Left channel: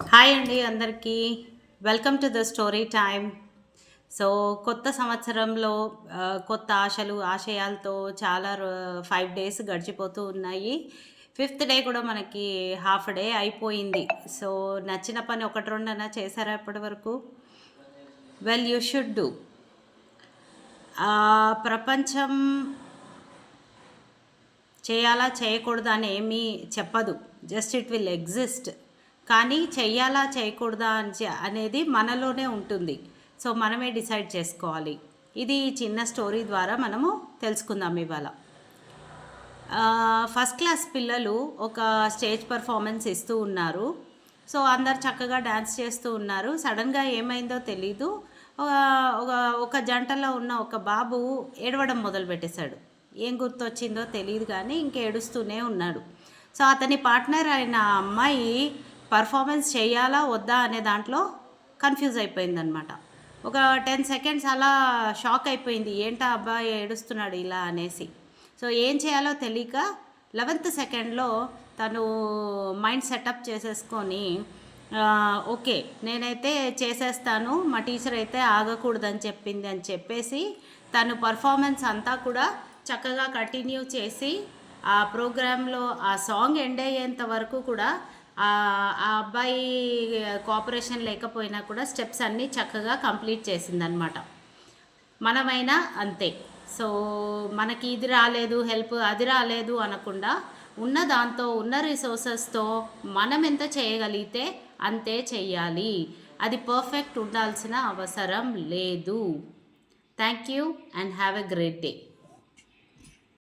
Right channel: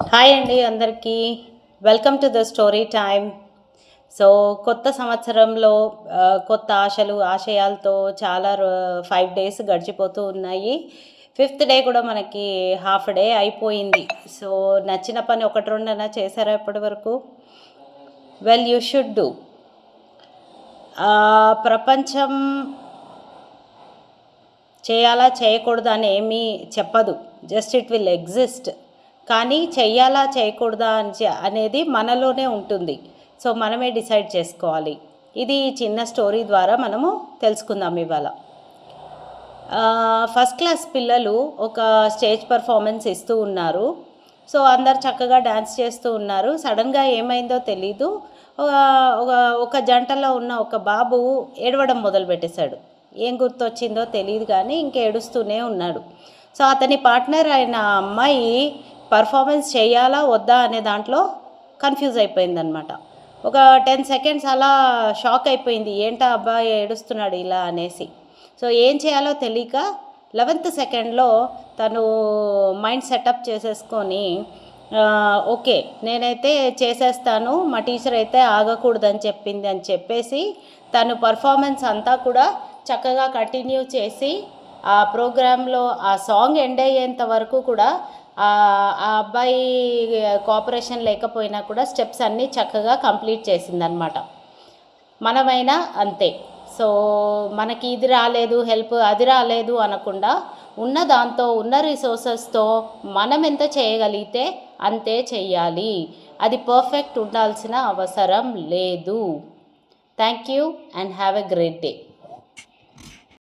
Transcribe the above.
Hi అండి అందరికీ. Welcome to the story time. So కొత్త సంవత్సరంలో కొత్త ఆశలు ఆశయాలతో చాలా 5 డేస్ గడిచిపోతూ ఉన్నాయి. 5th డే కూడా మనకి హాఫ్ డే అయిపోయింది. సో నచ్చిన పని ఒకటి రెండైనా చేశారా ఇప్పటి వరకు? Well you should do. ప్రపంచం చేయాలా చేయకూడదా అని ఏమీ చెప్పదు, జస్ట్ ఇట్ విల్ ఎగ్జిస్ట్. కానీ చెయ్యాలా చేయకూడదా అనేది మనలోనే ఉంటుంది. సో మనమే డిసైడ్ చేసుకోవాలి. ఇది చిన్న స్టోరీ ద్వారా మనము తెలుసుకుందాం ఇవాళ. ఫస్ట్ క్లాస్ పిల్లలు ఒక స్టేజ్ పర్ఫార్మెన్స్ ఇస్తూ ఉన్నారు. సో అందరు చక్కగా డ్యాన్స్ చేస్తూ ఉన్నారు. సడన్గా ఏమైందో తెలీదు, ఒక జంటలో ఉన్న ఒక బాబు ఏడవడం మొదలుపెట్టేశాడు. ఏం గుర్తొచ్చిందో తెలియదు కానీ ఇంక ఏడుస్తూనే ఉన్నాడు. సో అతని పార్ట్నర్ అయిన అమ్మాయి పర్ఫార్మెన్స్ చేయాలా వద్దా అనే దాంట్లో కన్ఫ్యూజ్ అయిపోయిందనమాట. ఒక 10 సెకండ్స్ అలా షాక్ అయిపోయింది, ఏంటా అబ్బాయి ఏడుస్తున్నాడు ఇలా అనేసి. సో ఏం చేయాలో తెలియక 11th సెకండ్లో తను మైండ్ సెటప్ చేసేసుకొని ఓకే నేనైతే చేసేస్తాను, మా టీచర్ అయితే ఆగకూడదని చెప్పింది అని చెప్పేసి తను పర్ఫార్మెన్స్ అంతా కూడా చక్కగా కంటిన్యూ చేసి ఆ ప్రోగ్రాంలో ఆ సాంగ్ ఎండ్ అయ్యేంత వరకు కూడా ఆ అబ్బాయి కోఆపరేషన్ లేకపోయినా కూడా స్టెప్స్ అన్నీ చక్కగా కంప్లీట్ చేసిందనమాట. మనమైనా అంతే. సో మనకి ఇది రాలేదు, హెల్ప్ అది రాలేదు అనకుండా ఉన్న దాంతో ఉన్న రిసోర్సెస్తో మనం ఎంత చేయగలిగితే అంతే చెయ్యాలి. అది పర్ఫెక్ట్ ఉండాల్సిన అవసరం లేదు. Thank you and have a great day.